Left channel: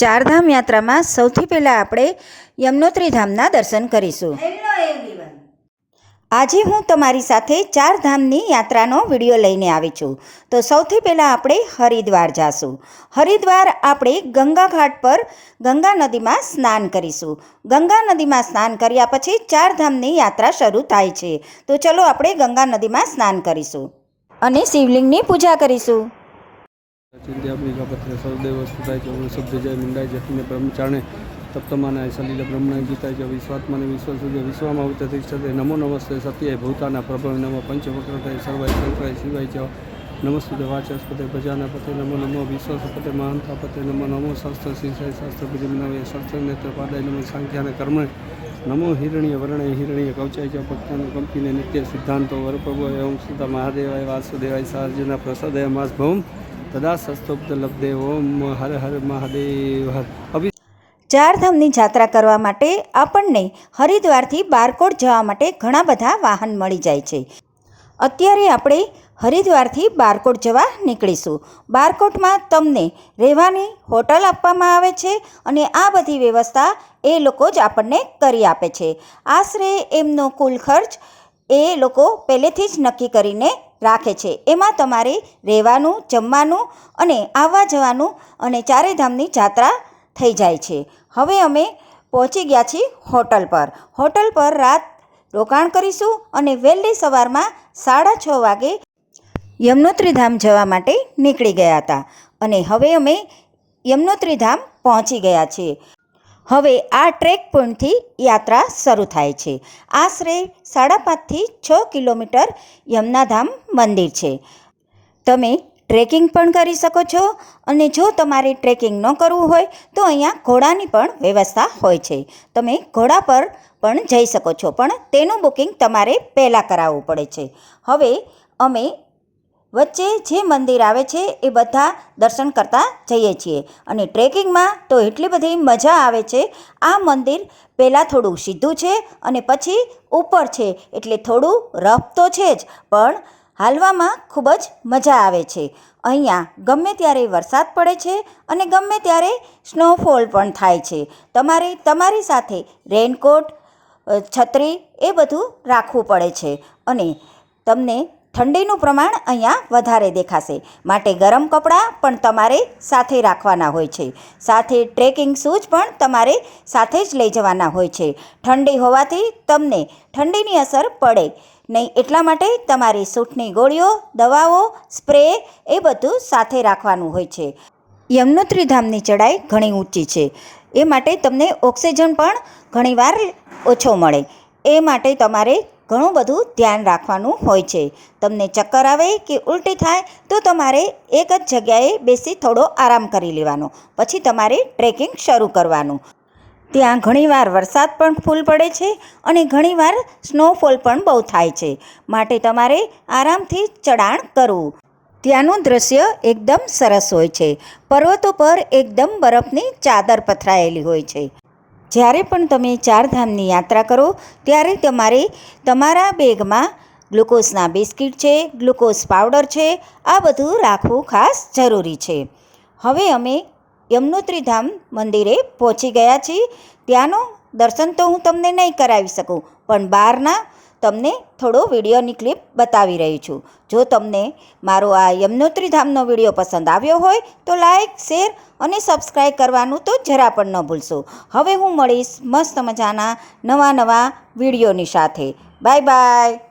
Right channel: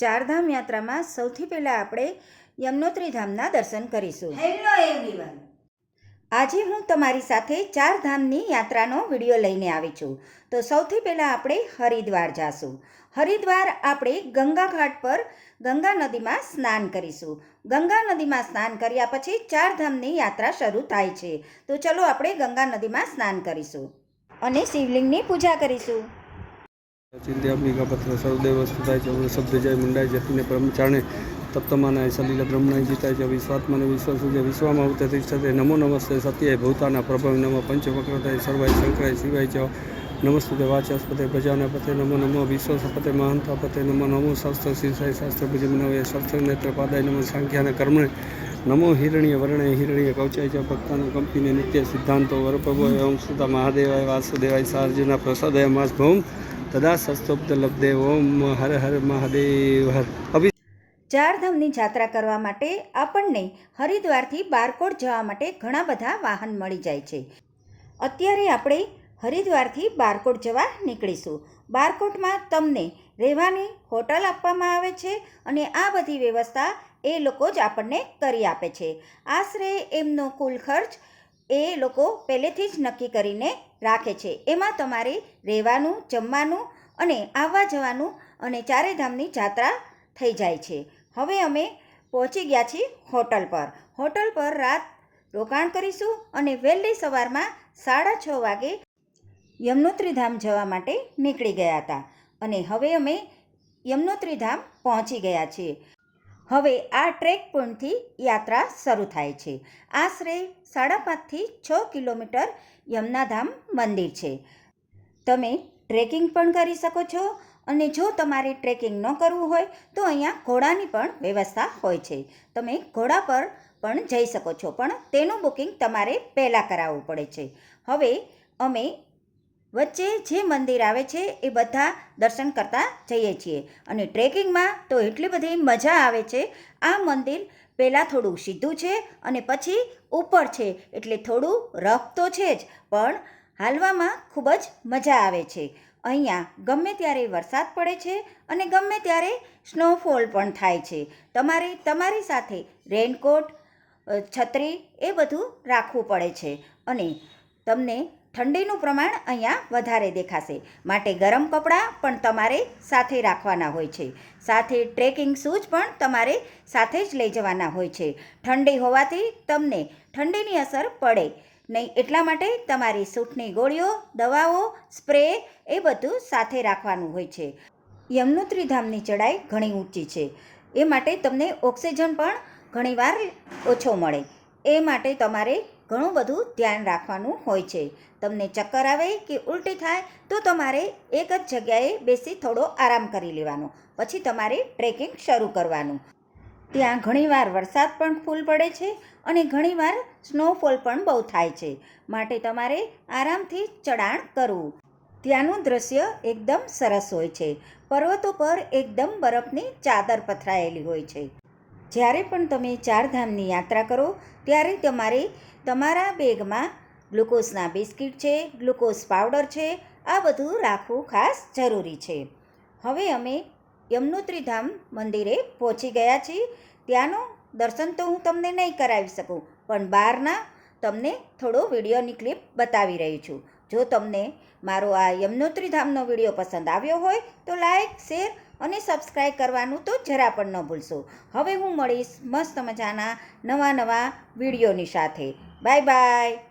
ચારધામ યાત્રામાં સૌથી પહેલાં આપણે યમનોત્રી ધામના દર્શન કરીશું. Hello everyone. આજે હું તમારી સાથે ચાર ધામની યાત્રાનો વીડિયો લઈને આવી છું. તો સૌથી પહેલાં આપણે હરિદ્વાર જાશું. હરિદ્વાર આપણે ગંગા ઘાટ પર ગંગા નદીમાં સ્નાન કરીશું. ગંગા નદીમાં સ્નાન કર્યા પછી ચારધામની યાત્રા શરૂ થાય છે. તો ચલો આપણે ગંગા નદીમાં સ્નાન કરીશું. અને શિવલિંગની પૂજા કરીશું. ચિંત્યાત્મિકા પત્ર સર્વદેવ થાય છે. જય મંડાય જઠિને બ્રહ્મચારણે તપ્તમાના સલીલ બ્રહ્મણાય જીતાય છે. વિશ્વાત્માને વિશ્વસુજય વિશ્વમાં ઉત તિષ્ઠતે નમો નમસ્તે સત્યાય ભૂતાના પ્રભવ નમો પંચવક્ર થાય સર્વાય શંકરાય શિવાય ચ નમસ્તુતે વાચસ્પતે ભજાનપતે નમો નમો વિશ્વસપતે મહાંતાપતે નમો નમો શાસ્ત્ર શીર્ષાય શાસ્ત્ર ભુજમનવે શાસ્ત્ર નેત્ર પાદાય નમો સાંખ્યાને કર્મણે નમો હિરણ્ય વર્ણય હિરણ્ય કવચાય છે. ભક્તાનો કંપીને નિત્ય સિદ્ધાંતો વરપ્રભો એવં સુતા મહાદેવાય. વાસુદેવાય. સાર્જુના પ્રસાદય. માસ ભૌમ. તદા સસ્તોબ્ધ લબ્ધે ઓમ હર હર મહાદેવ હર ચારધામની જાત્રા કરવા માટે આપણને હરિદ્વારથી બારકોટ જવા માટે ઘણા બધા વાહન મળી જાય છે. અત્યારે આપણે હરિદ્વારથી બારકોટ જવા નીકળીશું. બારકોટમાં તમને રહેવાની હોટલ આપવામાં આવે છે અને આ બધી વ્યવસ્થા એ લોકો જ આપણને કરી આપે છે. આશરે એમનો કુલ ખર્ચ એ લોકો પહેલેથી જ નક્કી કરીને રાખે છે. એમાં તમારે રહેવાનું, જમવાનું અને આવવા જવાનું અને ચારે ધામની જાત્રા થઈ જાય છે. હવે અમે પહોંચી ગયા છીએ હોટલ પર. હોટલ પર રાત રોકાણ કરીશું અને વહેલી સવારમાં સાડા છ વાગે યમનોત્રી ધામ જવા માટે નીકળી ગયા હતા. અને હવે અમે યમનોત્રી ધામ પહોંચી ગયા છીએ. હવે આ ટ્રેક પોઈન્ટથી યાત્રા શરૂ થાય છે. આશરે સાડા પાંચથી છ કિલોમીટર યમુનાધામ મંદિર છે. તમે ટ્રેકિંગ પણ કરી શકો છો અને જો તમારે ટ્રેકિંગ ન કરવું હોય તો અહીંયા ઘોડાની પણ વ્યવસ્થા હોય છે. તમે ઘોડા પર પણ જઈ શકો છો, પણ તેનું બુકિંગ તમારે પહેલાં કરાવવું પડે છે. હવે અમે વચ્ચે જે મંદિર આવે છે એ બધા દર્શન કરતા જઈએ છીએ. અને ટ્રેકિંગમાં તો એટલી બધી મજા આવે છે. આ મંદિર પહેલાં થોડું સીધું છે અને પછી ઉપર છે. એટલે થોડું રફ તો છે જ, પણ હાલવામાં ખૂબ જ મજા આવે છે. અહીંયા ગમે ત્યારે વરસાદ પડે છે અને ગમે ત્યારે સ્નોફોલ પણ થાય છે. તમારે, તમારી સાથે રેનકોટ છત્રી એ બધું રાખવું પડે છે. અને તમને ઠંડીનું પ્રમાણ અહીંયા વધારે દેખાશે. માટે ગરમ કપડાં પણ તમારે સાથે રાખવાના હોય છે. સાથે ટ્રેકિંગ શૂઝ પણ તમારે સાથે જ લઈ જવાના હોય છે. ઠંડી હોવાથી તમને ઠંડીની અસર પડે નહીં એટલા માટે તમારી સૂટની ગોળીઓ, દવાઓ, સ્પ્રે એ બધું સાથે રાખવાનું હોય છે. યમનોત્રી ધામની ચડાઈ ઘણી ઊંચી છે. એ માટે તમને ઓક્સિજન પણ ઘણીવાર ઓછો મળે. એ માટે તમારે ઘણું બધું ધ્યાન રાખવાનું હોય છે. તમને ચક્કર આવે કે ઉલટી થાય, તો તમારે એક જ જગ્યાએ બેસી થોડો આરામ કરી લેવાનો. પછી તમારે ટ્રેકિંગ શરૂ કરવાનું. ત્યાં ઘણીવાર વરસાદ પણ ફૂલ પડે છે અને ઘણીવાર સ્નોફોલ પણ બહુ થાય છે. માટે તમારે આરામથી ચડાણ કરવું. ત્યાંનું દ્રશ્ય એકદમ સરસ હોય છે. પર્વતો પર એકદમ બરફની ચાદર પથરાયેલી હોય છે. જ્યારે પણ તમે ચારધામની યાત્રા કરો, ત્યારે તમારે તમારા બેગમાં ગ્લુકોઝના બિસ્કિટ છે, ગ્લુકોઝ પાવડર છે, આ બધું રાખવું ખાસ જરૂરી છે. હવે અમે યમનોત્રી ધામ મંદિરે પહોંચી ગયા છીએ. ત્યાંનું દર્શન તો હું તમને નહીં કરાવી શકું, પણ બહારના તમને થોડો વિડીયોની ક્લિપ બતાવી રહી છું. જો તમને મારો આ યમનોત્રી ધામનો વીડિયો પસંદ આવ્યો હોય તો લાઈક, શેર અને સબસ્ક્રાઈબ કરવાનું તો જરા પણ ન ભૂલશો. હવે હું મળીશ મસ્ત મજાના નવા નવા વિડીયોની સાથે. Bye bye.